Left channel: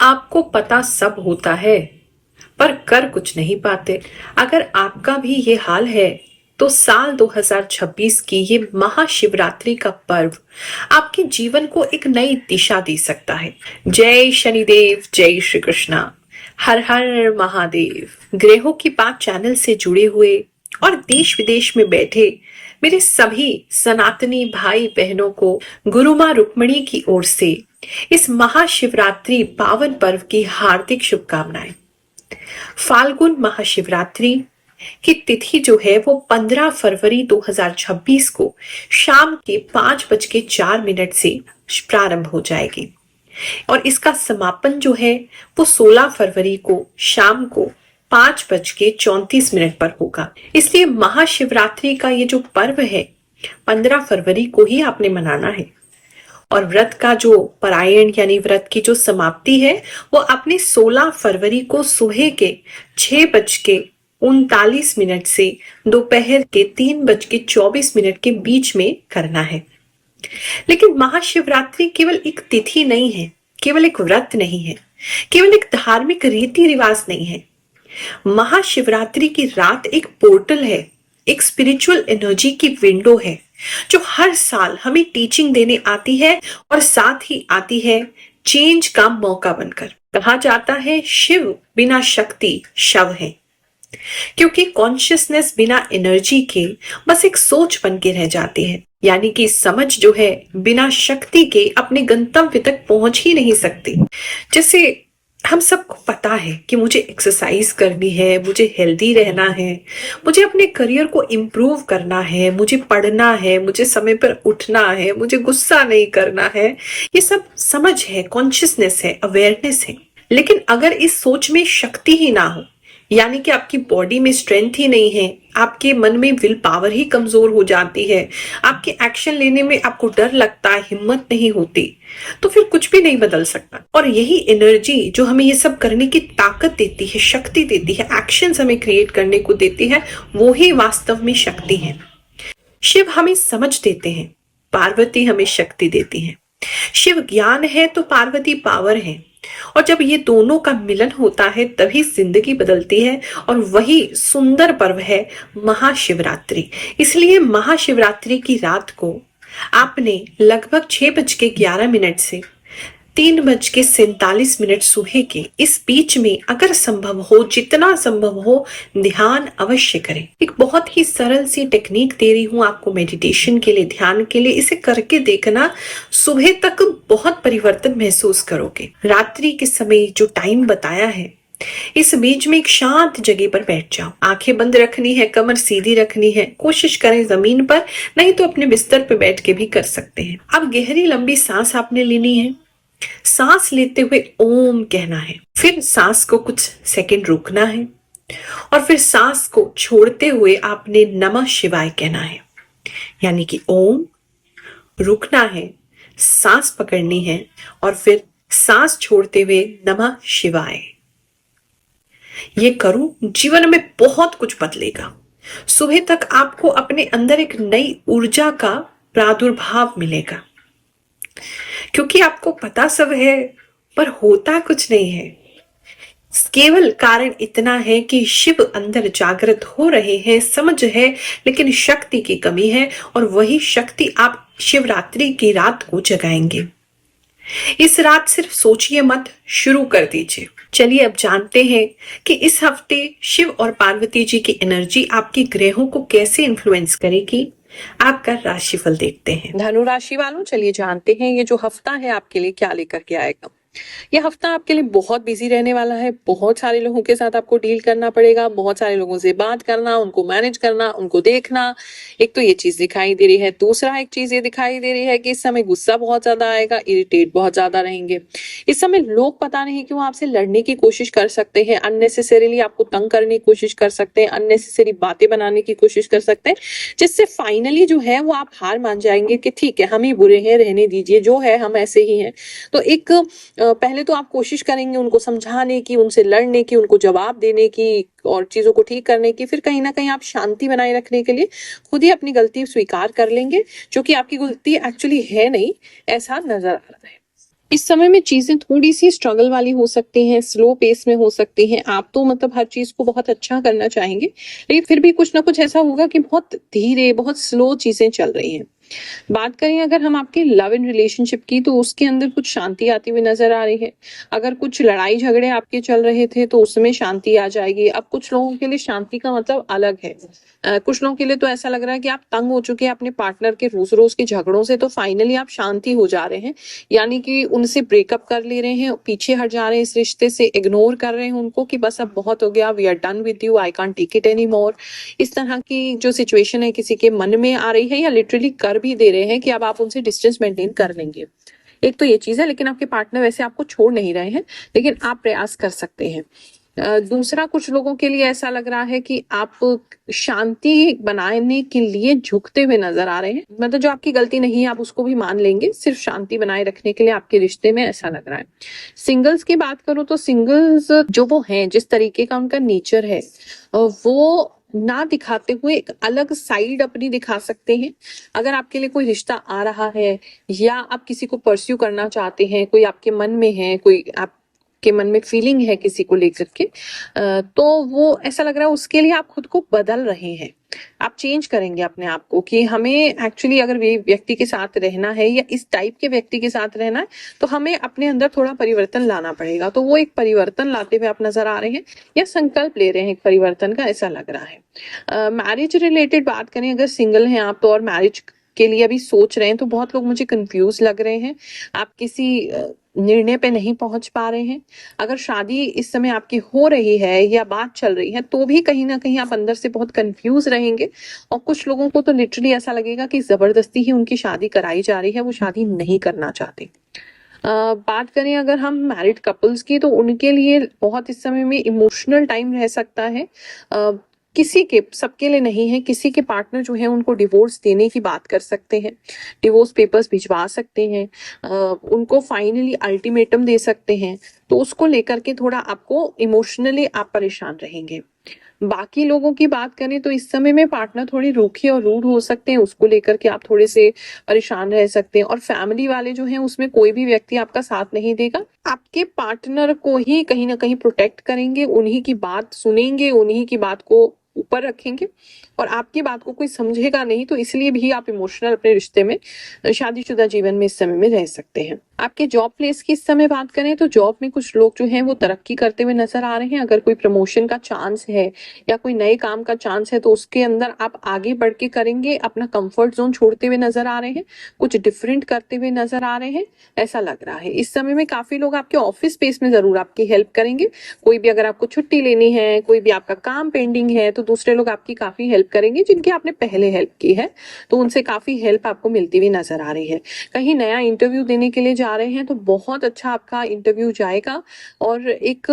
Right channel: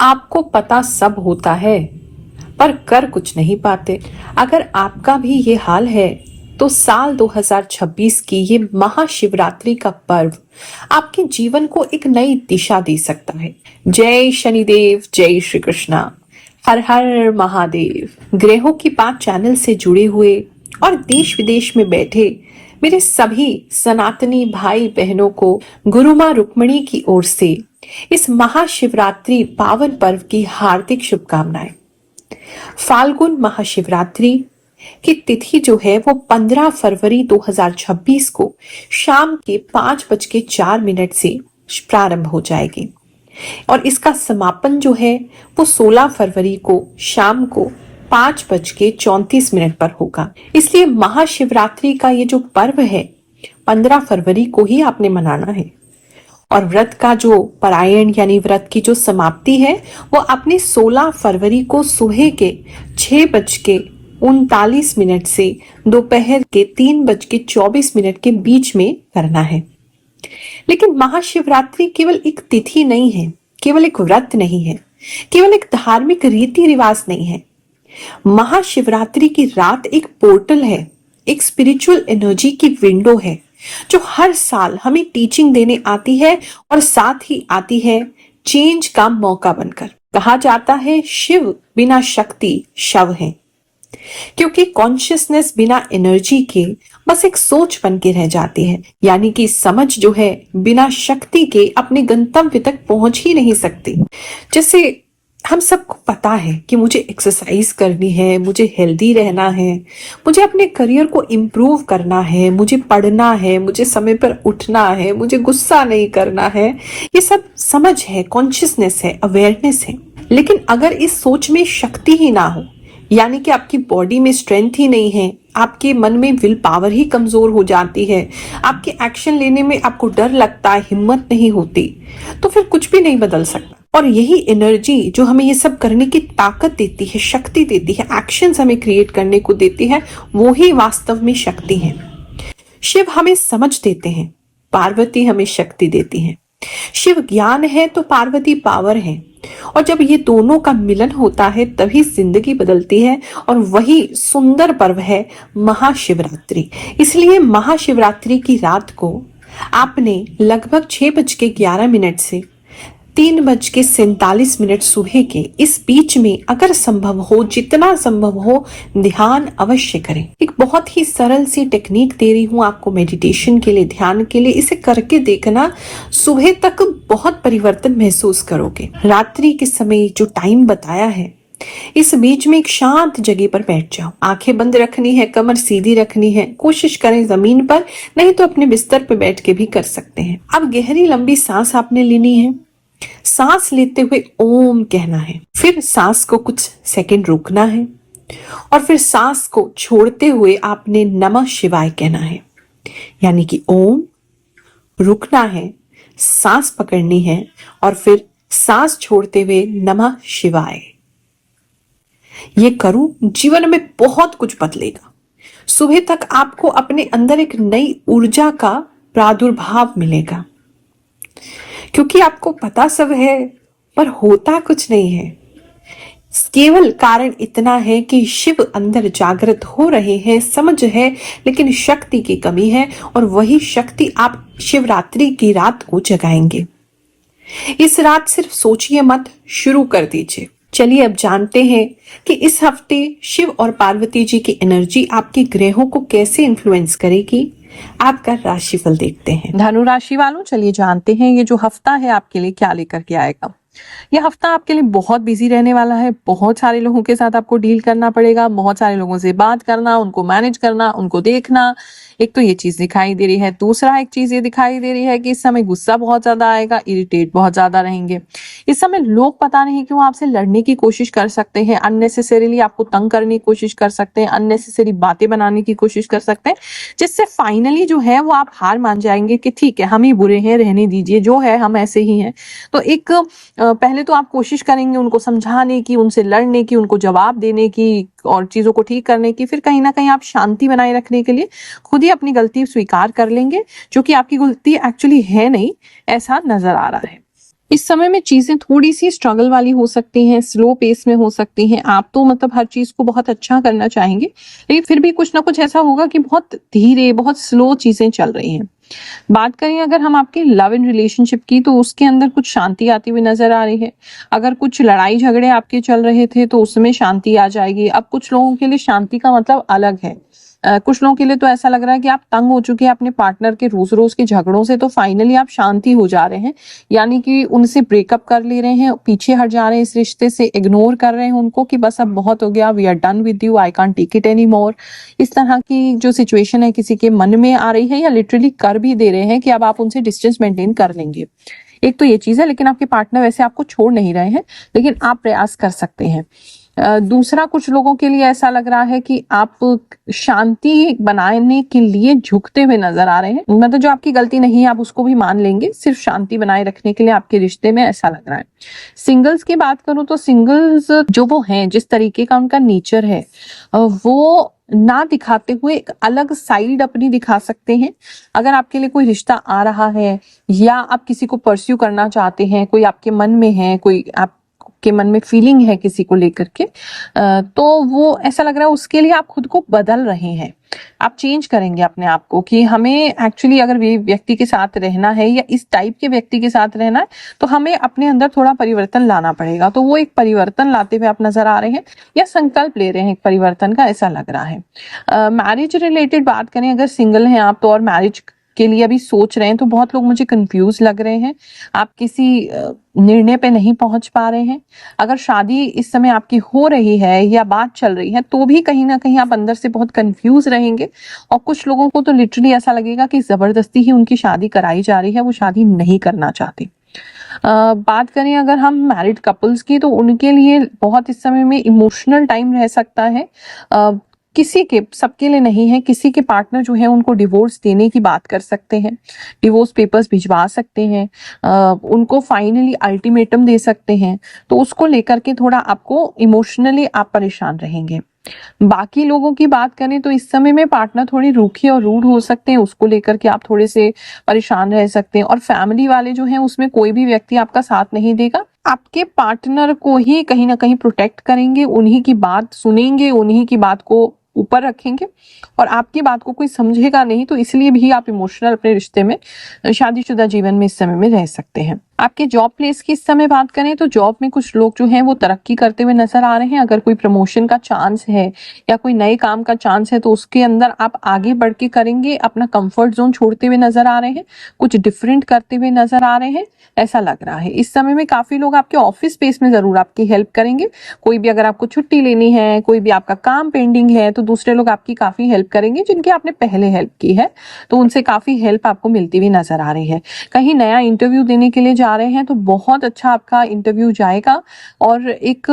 आपको पता सब होता है पर कर कुछ नहीं पाते। अगर आपका भी ये हाल है तो साल 2026 की ये महाशिवरात्रि का पर्व आपके जीवन को एक नई दिशा दे सकता है। जय शनिदेव, जय श्री कृष्णा, हर हर महादेव। ग्रहों की बात चैनल से जुड़े हुए और देश विदेश में बैठे मेरे सभी सनातनी भाई बहनों को गुरु माँ रुक्मिणी की ओर से इस महाशिवरात्रि पावन पर्व की हार्दिक शुभकामनाएं। फाल्गुन महाशिवरात्रि की तिथि जो है वो 15 फरवरी 2026 को शाम के 5:04 से प्रारंभ हो जाएगी और इसका समापन जो है वो 16 फरवरी को शाम को 5:34 पर होगा। इसलिए महाशिवरात्रि का ये जो पर्व है 15 फरवरी को ही आपने मनाना है और व्रत का जो परायण यानी व्रत की जो समाप्ति है वो आपने 16 फरवरी को सुबह के 6:39 से दोपहर के 3:24 के बीच में करना है। लेकिन महाशिवरात्रि केवल एक तिथि नहीं है, केवल एक व्रत नहीं है, केवल एक धार्मिक रीति रिवाज नहीं है। महाशिवरात्रि की रात एक पोर्टल है, एक स्पिरिचुअल एनर्जी की विंडो है जो हर साल हमें टीचिंग देने आती है और साथ ही आती है चेंज का मौका बनकर। कहा जाता है शिव बिना शक्ति शव है, क्योंकि कॉन्शियसनेस बिना एनर्जी के बस एक सोच बन के रह जाती है। यानी कि समझ जो है बिना शक्ति के अपने गंतव्य तक पहुंच ही नहीं सकती। जैसे हम सबको पता है कि मुझे एक्सरसाइज करनी है, मुझे हेल्दी रहना है, मुझे अपने करियर को इम्प्रूव करना है, मुझे पढ़ना है, मुझे समय पर उठना है, मुझे गुस्सा नहीं करना है। ये सब समझ है, कॉन्शियसनेस है, अवेयरनेस है। लेकिन अगर इस सोच में शक्ति ही ना हो, यानी कि आपकी बॉडी में स्ट्रेंथ ही नहीं है, आपके मन में विल पावर ही कमजोर हो जाती है, आपके एक्शन लेने में आपको डर लगता है, हिम्मत नहीं होती, तो फिर कुछ भी नहीं बदल सकता। और यही एनर्जी जो हमें ये सब करने की ताकत देती है, शक्ति देती है, एक्शंस हमें क्रिएट करने को देती है, वो ही वास्तव में शक्ति है। शिव हमें समझ देते हैं, पार्वती हमें शक्ति देती है। शिव ज्ञान है तो पार्वती पावर है, और जब ये दोनों का मिलन होता है तभी जिंदगी बदलती है। और वही सुंदर पर्व है महाशिवरात्रि। इसलिए महाशिवरात्रि की रात को आपने लगभग 6:11 से 3:47 सुबह के इस बीच में अगर संभव हो, जितना संभव हो, ध्यान अवश्य करें। एक बहुत ही सरल सी टेक्निक दे रही हूँ आपको मेडिटेशन के लिए, ध्यान के लिए। इसे करके देखना, सुबह तक बहुत परिवर्तन महसूस करोगे। रात्रि के समय जो टाइम बताया है, इस बीच में एक शांत जगह पर बैठ जाओ। आंखें बंद रखनी है, कमर सीधी रखनी है। कोशिश करें जमीन पर, नहीं तो अपने बिस्तर पर बैठ के भी कर सकते हैं। अब गहरी लंबी सांस आपने लेनी है। सांस लेते हुए ओम कहना है, फिर सांस को कुछ सेकंड रोकना है और फिर सांस को छोड़ते हुए आपने नमः शिवाय कहना है। यानी कि ओम, रुकना है, सांस पकड़नी है और फिर सांस छोड़ते हुए नमः शिवाय। ये करूं, जीवन में बहुत कुछ बदलेगा। सुबह तक आपको अपने अंदर एक नई ऊर्जा का प्रादुर्भाव मिलेगा, क्योंकि आपको पता सब है पर होता कुछ नहीं है। केवल कारण इतना है कि शिव अंदर जागृत हो रहे हैं, समझ है, लेकिन शक्ति की कमी है और वही शक्ति आप शिवरात्रि की रात को जगाएंगे। इस रात सिर्फ सोचिए मत, शुरू कर दीजिए। चलिए अब जानते हैं कि इस हफ्ते शिव और पार्वती जी की एनर्जी आपके ग्रहों को कैसे इन्फ्लुएंस करेगी। आपका राशिफल देखते हैं। धनु राशि वालों, चलिए जानते हैं ये जो हफ्ता है आपके लिए क्या लेकर के आएगा। यह हफ्ता आपके लिए बहुत बिजी रहने वाला है। बहुत सारे लोगों के साथ आपको डील करना पड़ेगा, बहुत सारे लोगों से बात करना, उनको मैनेज करना, उनको देखना। एक तो ये चीज दिखाई दे रही है। दूसरा एक चीज ये दिखाई दे रही है कि इस समय गुस्सा बहुत ज्यादा आएगा, इरिटेट बहुत ज्यादा रहेंगे। इस समय लोग पता नहीं क्यों आपसे लड़ने की कोशिश कर सकते हैं, अननेसेसरीली आपको तंग करने की कोशिश कर सकते हैं, अननेसेसरी बातें बनाने की कोशिश कर सकते हैं, जिससे फाइनली जो है वो आप हार मान जाएंगे कि ठीक है, हम ही बुरे हैं, रहने दीजिए, जो है हम ऐसे ही हैं। तो एक पहले तो आप कोशिश करेंगे उनको समझाने की, उनसे लड़ने की, उनको जवाब देने की और चीजों को ठीक करने की। फिर कहीं ना कहीं आप शांति बनाए रखने के लिए खुद ही अपनी गलती स्वीकार कर लेंगे, जो कि आपकी गलती एक्चुअली है नहीं, ऐसा नजर आ रहा है। इस समय में चीजें थोड़ी सी स्ट्रगल वाली हो सकती हैं, स्लो पेस में हो सकती हैं। आप तो मतलब हर चीज को बहुत अच्छा करना चाहेंगे, लेकिन फिर भी कुछ ना कुछ ऐसा होगा कि बहुत धीरे, बहुत स्लो चीजें चल रही हैं। बात करें अगर हम आपके लव इन रिलेशनशिप की, तो उसके अंदर कुछ शांति आती हुई नजर आ रही है। अगर कुछ लड़ाई झगड़े आपके चल रहे थे तो उसमें शांति आ जाएगी। अब कुछ लोगों के लिए शांति का मतलब अलग है। कुछ लोगों के लिए तो ऐसा लग रहा है कि आप तंग हो चुके हैं अपने पार्टनर के रोज रोज के झगड़ों से, तो फाइनली आप शांति हो जा रहे हैं, यानी कि उनसे ब्रेकअप कर ले रहे हैं, पीछे हट जा रहे हैं, इस रिश्ते से इग्नोर कर रहे हैं उनको कि बस अब बहुत हो गया, we are done with you, I can't take it any more. इस तरह की जो सिचुएशन है किसी के मन में आ रही है, या लिटरली कर भी दे रहे हैं कि अब आप उनसे डिस्टेंस मेंटेन कर लेंगे। एक तो ये चीज है, लेकिन आपके पार्टनर वैसे आपको छोड़ नहीं रहे हैं, लेकिन आप प्रयास कर सकते हैं। दूसरा, कुछ लोगों के लिए ऐसा लग रहा है कि आप शांति बनाने के लिए झुकते हुए नजर आ रहे हैं, मतलब जो आपकी गलती नहीं है आप उसको भी मान लेंगे, सिर्फ शांति बनाए रखने के लिए आपके रिश्ते में, ऐसा लग रहा है। सिंगल्स की बात करूं तो सिंगल्स जो वो हैं, जिस तरीके का उनका नेचर है, वो ना दिखाते हुए एक अलग साइड अपनी दिखा सकते हैं। अगर आपके लिए कोई रिश्ता आ रहा है, या आप किसी को परस्यू करना चाहते हैं, कोई आपके मन में है, कोई आपके मन में फीलिंग है किसी को लेकर के, तो वो ऐसा लग रहा है उसके लिए आप खुद को बदल रहे हैं, आप चेंज करेंगे अपने आप को कि हमें एक्चुअली अगर वे व्यक्ति के साथ रहना है या इस टाइप के व्यक्ति के साथ रहना है, तो हमें अपने अंदर थोड़ा परिवर्तन लाना पड़ेगा। तो वो एक परिवर्तन लाते हुए आप नजर आ रहे हैं, या संकल्प ले रहे हैं एक परिवर्तन का, ऐसा लग रहा है। मैरिज रिलेटेड बात करें, अगर सिंगल हैं आप तो, और मैरिज के लिए अभी सोच रहे हैं, तो बहुत लोग मुझे कंफ्यूज लग रहे हैं, आप किसी निर्णय पे नहीं पहुंच पा रहे हैं। अगर शादी इस समय आपकी हो रही है या बात चल रही है, तो भी कहीं ना कहीं आप अंदर से बहुत कंफ्यूज रहेंगे, और कुछ लोगों को तो लिटरली ऐसा लगेगा कि जबरदस्ती ही उनकी शादी कराई जा रही है, वो शादी नहीं करना चाहते। बात करें अगर हम मैरिड कपल्स की, तो उनके लिए बहुत इस समय में इमोशनल टाइम रह सकता है। किसी के, सबके लिए नहीं है, किसी के पार्टनर जो है उनको डिवोर्स देने की बात कर सकते हैं, डिवोर्स पेपर्स भिजवा सकते हैं, उनको फाइनली अल्टीमेटम दे सकते हैं, तो उसको लेकर के थोड़ा आपको इमोशनली आप परेशान रहेंगे। बाकी लोगों की बात करें तो इस समय में पार्टनर थोड़ी रूखी और रूड हो सकते हैं, उसको लेकर के आप थोड़े से परेशान रह सकते हैं। और फैमिली वाले जो हैं, उसमें कोई भी व्यक्ति आपका साथ नहीं देगा, आपके पार्टनर को ही कहीं ना कहीं प्रोटेक्ट करेंगे, उन्हीं की बात सुनेंगे, उन्हीं की बात को ऊपर रखेंगे, और आपकी बात को कोई समझेगा नहीं, तो इसलिए भी आप इमोशनल अपने रिश्ते में, शादीशुदा जीवन में इस समय में रह सकते हैं। आपके जॉब प्लेस की इस समय बात करें तो जॉब में कुछ लोग जो हैं वो तरक्की करते हुए नजर आ रहे हैं। अगर कोई प्रमोशन का चांस है या कोई नए काम का चांस है, तो उसके अंदर आप आगे बढ़ के करेंगे, अपना कंफर्ट जोन छोड़ते हुए नजर आ रहे हैं, कुछ डिफरेंट करते हुए नजर आ रहे हैं, ऐसा लग रहा है। इस समय में काफी लोग आपके ऑफिस स्पेस में जरूर आपकी हेल्प करेंगे। कोई भी अगर आपको छुट्टी लेनी है, कोई भी आपका काम पेंडिंग है, तो दूसरे लोग आपकी काफी हेल्प करेंगे, जिनकी आपने पहले हेल्प की है, तो उनसे काफी हेल्प आपको मिलती हुई नजर आ रही है। कहीं नया इंटरव्यू देने के लिए जा रहे हैं तो बहुत अच्छा आपका इंटरव्यू जाएगा, और एक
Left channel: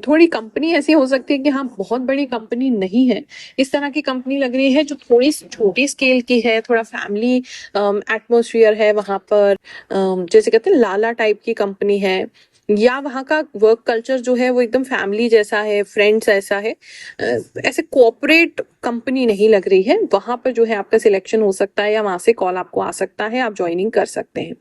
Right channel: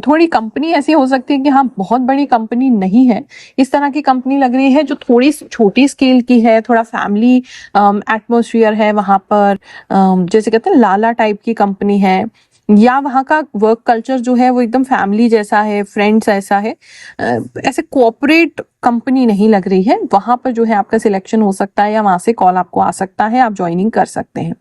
थोड़ी कंपनी ऐसी हो सकती है कि हाँ, बहुत बड़ी कंपनी नहीं है, इस तरह की कंपनी लग रही है जो थोड़ी छोटी स्केल की है, थोड़ा फैमिली एटमॉस्फेयर है वहां पर, जैसे कहते हैं लाला टाइप की कंपनी है, या वहाँ का वर्क कल्चर जो है वो एकदम फैमिली जैसा है, फ्रेंड्स ऐसा है, ऐसे कोऑपरेट कंपनी नहीं लग रही है। वहां पर जो है आपका सिलेक्शन हो सकता है, या वहां से कॉल आपको आ सकता है, आप ज्वाइनिंग कर सकते हैं।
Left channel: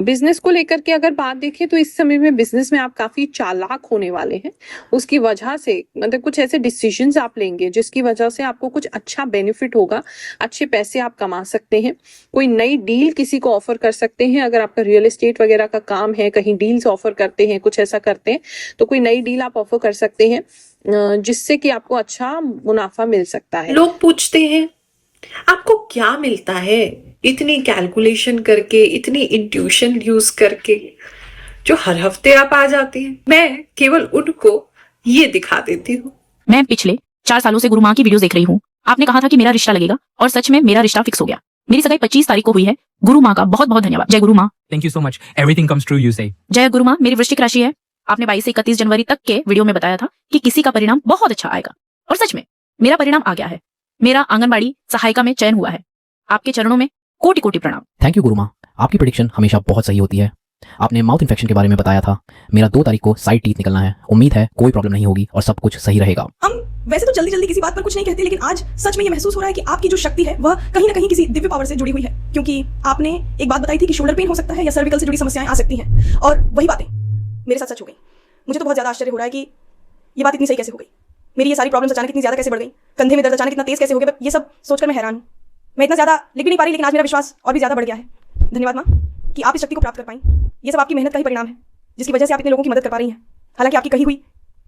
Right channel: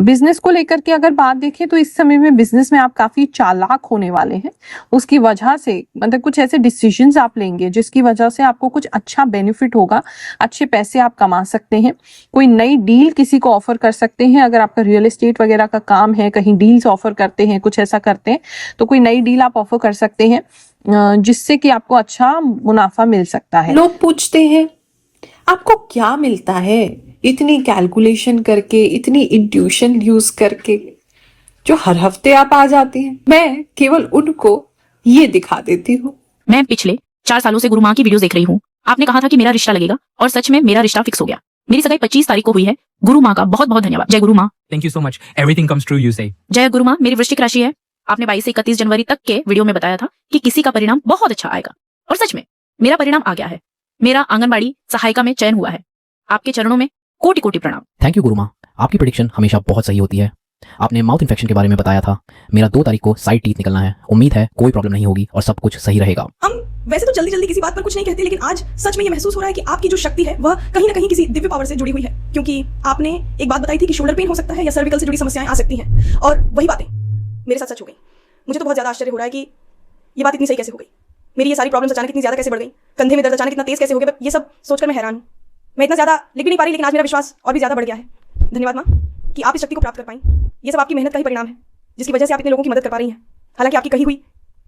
बिजनेस को लेकर के अगर बात देखें तो इस समय में बिजनेस में आप काफी चालाक होने वाले हैं, उसकी वजह से मतलब कुछ ऐसे डिसीजंस आप लेंगे जिसकी वजह से आपको कुछ अच्छा बेनिफिट होगा, अच्छे पैसे आप कमा सकते हैं। कोई नई डील किसी को ऑफर कर सकते हैं, अगर आपका रियल एस्टेट वगैरह का काम है, कहीं डील्स ऑफर करते हैं, कुछ ऐसा करते हैं, तो कोई नई डील आप ऑफर कर सकते हैं, जिससे कि आपको अच्छा मुनाफा मिल सकता है। लोग पूछते हैं आपको क्या मिलता है इतनी कैलकुलेशन करके, इतनी इंट्यूशन यूज करके, जो हर हफ्ते आप आ जाती हैं। मैं केवल उनको ये दिखा देती हूँ। मैं पिछले 4 सालों से गुरु माँ की वीडियो देख रही हूँ। आपने कहा था कि मेरा रिश्ता लगेगा, और सच में मेरा रिश्ता फिक्स हो गया। मेरी सगाई 25 तारीख को हुई है। गुरु माँ का बहुत बहुत धन्यवाद। जय गुरु माँ। Thank you so much. Everything comes true, you say. जय गुरु माँ। मेरी वृश्चिक राशि है। आपने 22 से 31 जनवरी तक के वीडियो में बताया था कि किसी का परिणाम बहुत अच्छा आएगा, और सच में मेरा परिणाम आ गया है। मेरा आंगनबाड़ी सहायिका में चयन हुआ है। आपके चरणों में कोटि कोटि प्रणाम। थैंक यू गुरु माँ, आपकी प्रेडिक्शन हमेशा बहुत सही होती है। आपने माउथ इन्फेक्शन के बारे में बताया था। मेरा 2 तारीख को साइड टीथ निकलना है। उम्मीद है कोई प्रॉब्लम नहीं होगी और सब कुछ सही रहेगा। हम वैसे तो जल्दी जल्दी किसी बात पर कुछ नहीं कहते, लेकिन आज सच में ये महसूस हो रहा है कि आपकी जो शक्ति है वह कहीं ना कहीं किसी दिव्य पावर से जुड़ी हुई है, क्योंकि आपने एक बात बताई थी कि शोल्डर पेन हो सकता है या सर्विकल से जुड़ी समस्याएं आ सकती हैं, और वही बातें मेरे साथ सच हो गई। मुझे तो बहुत ज्यादा आश्चर्य हो रहा है कि ये बात इतनी सही कैसे हो गई। मेरी ये सारी प्रॉब्लम्स अचानक इतनी ज्यादा कैसे बढ़ गई, कंधे में दर्द अचानक इतना तेज कैसे हो गया, ये सब सोचकर मैं हैरान हूँ। मैं इतना ज्यादा लिख भी नहीं पा रही, लेकिन आज मेरा विश्वास और भी ज्यादा बढ़ गया है। धन्यवाद माँ कि आप इस शक्ति को प्राप्त कर पाई। ये सब आपकी मेहनत का ही परिणाम है, जिसकी वजह से आप इतने लोगों की मदद कर पा रही हैं। हालांकि आपकी कही हुई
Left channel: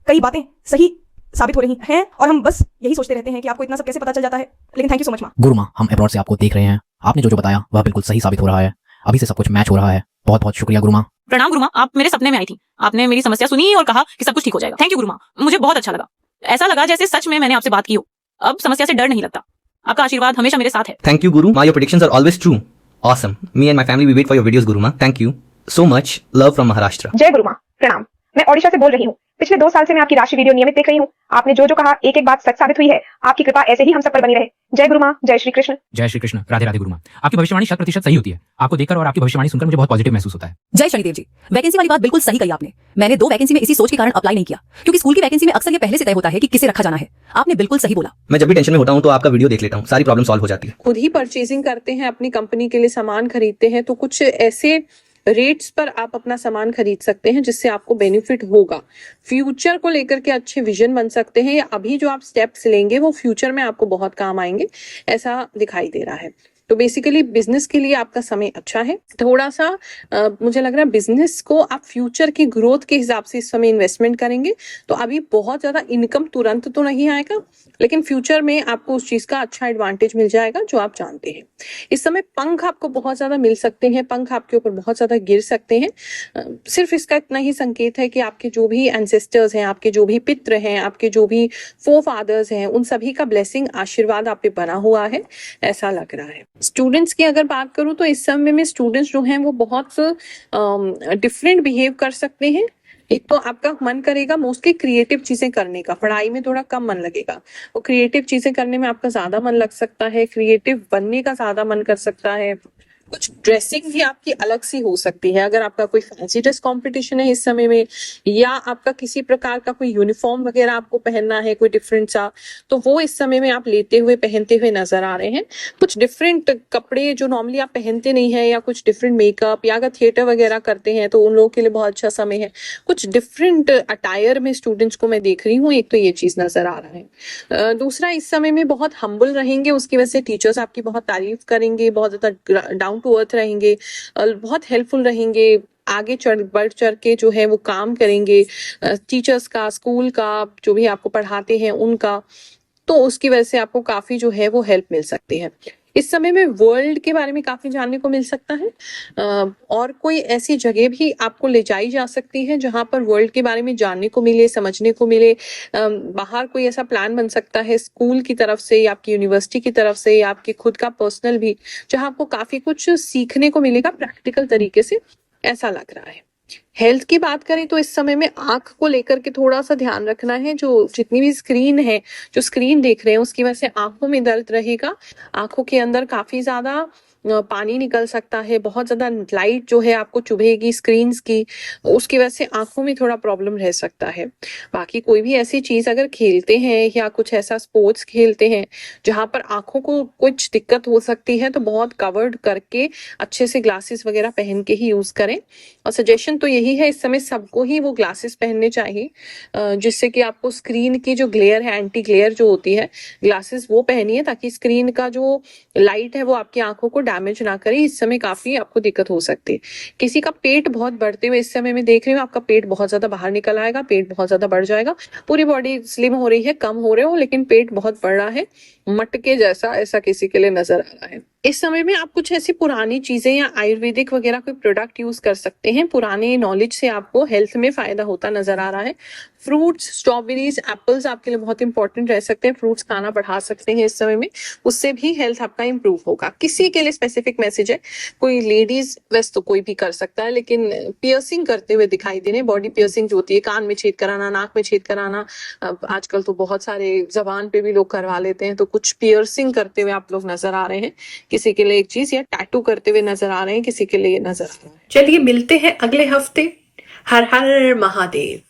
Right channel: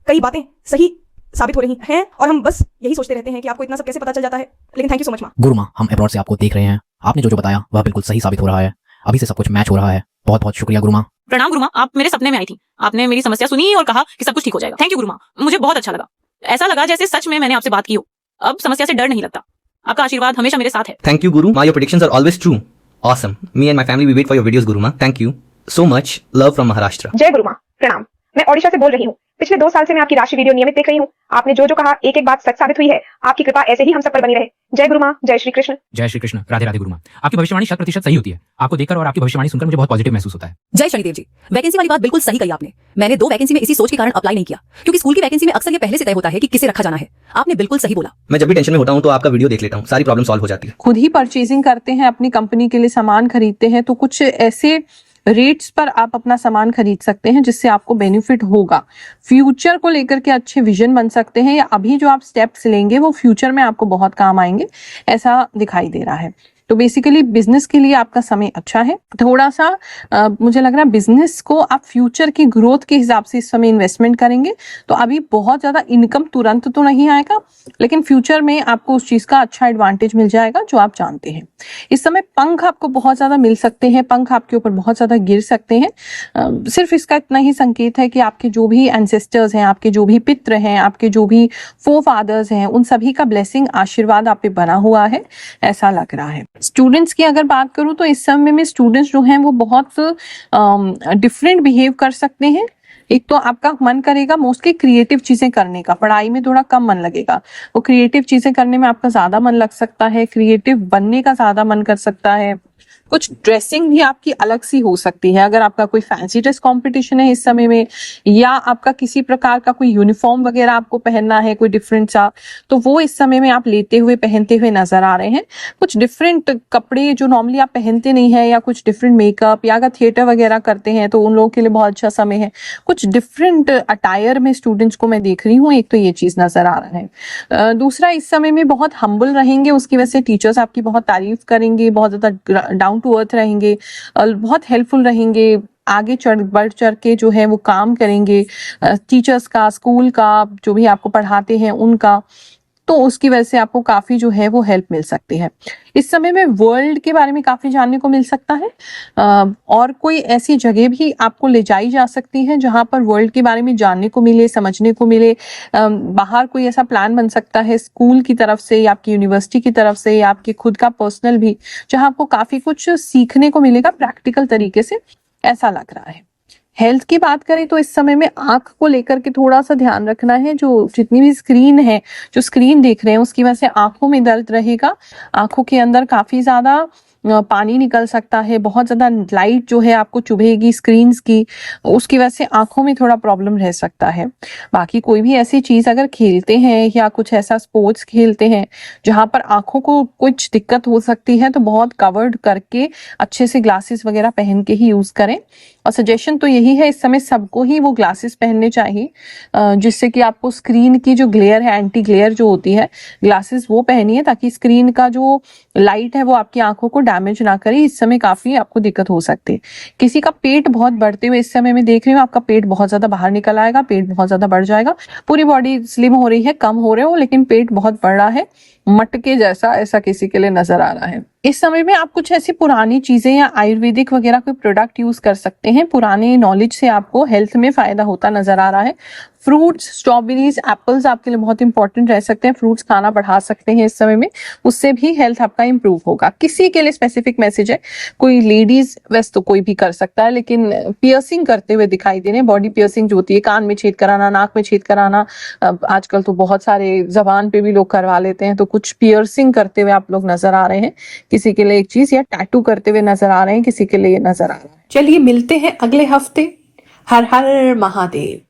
कई बातें सही साबित हो रही हैं, और हम बस यही सोचते रहते हैं कि आपको इतना सब कैसे पता चल जाता है, लेकिन थैंक यू सो मच माँ। गुरु माँ, हम अब्रॉड से आपको देख रहे हैं। आपने जो बताया वह बिल्कुल सही साबित हो रहा है। अभी से सब कुछ मैच हो रहा है। बहुत बहुत शुक्रिया गुरु माँ। प्रणाम गुरु माँ, आप मेरे सपने में आई थी। आपने मेरी समस्या सुनी और कहा कि सब कुछ ठीक हो जाएगा। थैंक यू गुरु माँ, मुझे बहुत अच्छा लगा। ऐसा लगा जैसे सच में मैंने आपसे बात की हो। अब समस्या से डर नहीं लगता। आपका आशीर्वाद हमेशा मेरे साथ है। Thank you, Guru. Ma, your predictions are always true. Awesome. Me and my family, we wait for your videos, Guru Ma. Thank you so much. Love from Maharashtra. जय गुरु माँ, प्रणाम। मैं ओडिशा से बोल रही हूँ। पिछले 2 साल से मैं आपकी राशि वीडियो नियमित देख रही हूँ। आपने जो जो कहा एक एक बात सच साबित हुई है। आपकी कृपा ऐसे ही हम सब पर बनी रहे। जय गुरु माँ, जय श्री कृष्ण। जय श्री कृष्ण। राधे राधे गुरु माँ। आपकी भविष्यवाणी 100% सही होती है। आपको देखकर और आपकी भविष्यवाणी सुनकर मुझे बहुत पॉजिटिव महसूस होता है। जय शनिदेव जी, वैकेंसी वाली बात बिल्कुल सही कही आपने। मैंने 2 वैकेंसी में इसी सोच के कारण अप्लाई नहीं किया, क्योंकि स्कूल की वैकेंसी में अक्सर ये पहले से तय होता है कि किसे रखा जाना है। आपने बिल्कुल सही बोला। मैं जब भी टेंशन में होता हूँ तो आपका वीडियो देख लेता हूँ, सारी प्रॉब्लम सॉल्व हो जाती है। खुद ही परचेजिंग करते हैं, अपनी कंपनी के लिए सामान खरीदते हैं, तो कुछ ऐसे रेट्स पर आप अपना सामान खरीद सकते हैं जिससे आपको बेनिफिट होगा। फ्यूचर को लेकर के अच्छे विजन बन सकते हैं, या अभी जो आप स्टेप्स लेंगे वो फ्यूचर में आपको बहुत काम आएंगे, ऐसा दिखाई दे रहा है। तो बेसिकली बिजनेस के लिए आपका समय अच्छा है। थोड़ा सा मुझे लग रहा है बिजनेस को आप फ्यूचर की ग्रोथ के हिसाब से इस समय इन्वेस्टमेंट करेंगे तो अभी बहुत ज्यादा इनकम तुरंत तो नहीं आएगा, लेकिन फ्यूचर में आपको उस चीज का अच्छा एडवांटेज मिल जाएगा जो आप जानते हैं। इस समय पंख आपको बहुत ज्यादा मिल सकते हैं, पंख आपके ऊपर बहुत ज्यादा गिर सकते हैं। सिर्फ इसका इतना ही संकेत है कि आपके जो भी एंसेस्टर्स हैं, आपके जो भी पितृ हैं, आपके जो भी फोरफादर्स हैं, उन सभी का ब्लेसिंग आशीर्वाद आप पे बना हुआ है, ऐसा लग रहा है। स्टूडेंट्स की अगर बात करूं तो इस समय में स्टूडेंट्स जो हैं वो बहुत डिफरेंट बिहेव कर सकते हैं। एक तो आपका मन करेगा मोस्टली क्रिएटिव चीजें करने का, पढ़ाई में थोड़ा कम मन लगेगा, वो क्रिएटिव चीजें करने में आपका ज्यादा मन लग सकता है, क्रिएटिव बनने का ज्यादा मन कर सकता है। कुछ ड्रेसिंग भी आपकी अलग सी हो सकती है, अगर आपका कोई फैंसी ड्रेस कंपटीशन है इस समय में, या आपका किसी प्रकार का कोई यूनिफॉर्म वगैरह आपको पहनना है कोई डिफरेंट सा, तो वो इस समय में आप लेते हुए पहनते हुए नजर आ रहे हैं। कुछ डिफरेंट कपड़े जो नॉर्मली आप पहनते नहीं है, या कुछ डिफरेंट मेकअप, या अगर थिएटर वगैरह करते हैं तो उन लोगों के लिए बहुत अच्छा समय है। कुछ डिफरेंट अटायर में स्टूडेंट्स को मैं देख रही हूँ, एक तो ये चीज नजर आ रहा है। दूसरा, इस समय में बहुत हम्बल रहेंगे, उसकी वजह से टीचर्स आपकी बहुत तारीफ करेंगे, बहुत ज्यादा डाउन टू अर्थ रहेंगे, बहुत हेल्पफुल रहेंगे, आगे बढ़ चढ़ के जो है वो काम करेंगे, टीचर्स का, स्कूल का, जो भी आपको पढ़ाते हैं उनका, तो उसकी वजह से आपको काफी जो है वो हेल्प मिल सकती है। इस समय में वर्ल्ड के बारे में काफी जानने को मिल सकता है, और कोई ऐसी जगह भी आपको ले जाई जा सकती है जहां पर वर्ल्ड के बारे में जानने को मिले, समझने को मिले। बाहर कोई ऐसा प्लान बन सकता है स्कूल की तरफ से, या आपकी यूनिवर्सिटी की तरफ से, या आपके खुद का पर्सनल भी, जहां आपको काफी कुछ सीखने को मिलेगा प्रैक्टिकल तरीके से, ऐसा लग रहा है। हेल्थ की बात करें तो इस समय में आंख को लेकर के थोड़ा सा ध्यान रखना है। जो जितनी भी स्क्रीन है, जो स्क्रीन देख रहे हैं, उसकी वजह से आंखों में दर्द रहेगा, आंखों के अंदर काफी ज्यादा पानी निकल सकता है, बहुत ज्यादा लाइट जो है आपको चुभेगी स्क्रीन्स की, उसकी वजह से आंखों में थोड़ा प्रॉब्लम रह सकता है। बाकी कोई भी ऐसी चीज अगर खेलते हैं या कुछ ऐसा स्पोर्ट्स खेलते हैं जहां पर आंखों को कुछ दिक्कत हो सकती है, तो बहुत कवर्ड करके अच्छे से ग्लासेस वगैरह पहन के ही यूज करें। और सजेशन तो यही है, इस समय सबको ही वो ग्लासेस पहनने चाहिए, जिससे कि आपको स्क्रीन की जो ग्लेयर है, एंटी ग्लेयर जो होती है, ग्लासेस वो पहनिए ताकि स्क्रीन का जो लाइट है वो आपकी आंखों को डैमेज ना करे। इस समय काफी आपको दिक्कत हो सकती है। किसी का पेट बहुत बढ़ते हुए इस समय में देख रही हूँ, आपका पेट बहुत ज्यादा बाहर निकल आएगा, पेट बहुत ज्यादा बढ़ जाएगा। पूरी बॉडी स्लिम हो रही है, कम हो रहे हो, लेकिन पेट बहुत बढ़ रहा है, मटके जैसा, ऐसा किसी के लिए नजर आ रहा है। इस समय में आप कुछ ऐसी पुरानी चीजें या आयुर्वेदिक वगैरह कोई प्रोडक्ट यूज कर सकते हैं। पुराने नॉलेज से आपको हेल्थ में फायदा होता नजर आ रहा है। फ्रूट्स, स्ट्रॉबेरीज, एप्पल्स आपके लिए बहुत इंपॉर्टेंट रह सकते हैं। फ्रूट्स खाना बढ़ा सकते हैं इस समय में, उससे भी हेल्थ आपका इंप्रूव होगा। किसी के लिए स्पेसिफिक मैसेज है, कोई लेडीज वैसे तो कोई भी कर सकता है, लेकिन पियर्सिंग करते हुए दिखाई दे रहे हैं। बॉडी पियर्सिंग जो होती है, कान में छेद कराना, नाक में छेद कराना, आजकल तो बहुत सारे जबान पे भी लोग करवा लेते हैं, तो कुछ पियर्सिंग करते हुए आप लोग नजर आ रहे हैं, किसी के लिए एक चीज या टैटू करते हुए नजर आ रहे हैं, किसी के लिए नजर आ रहा है। चलिए मिलते हैं अगले हफ्ते। हर हर महादेव।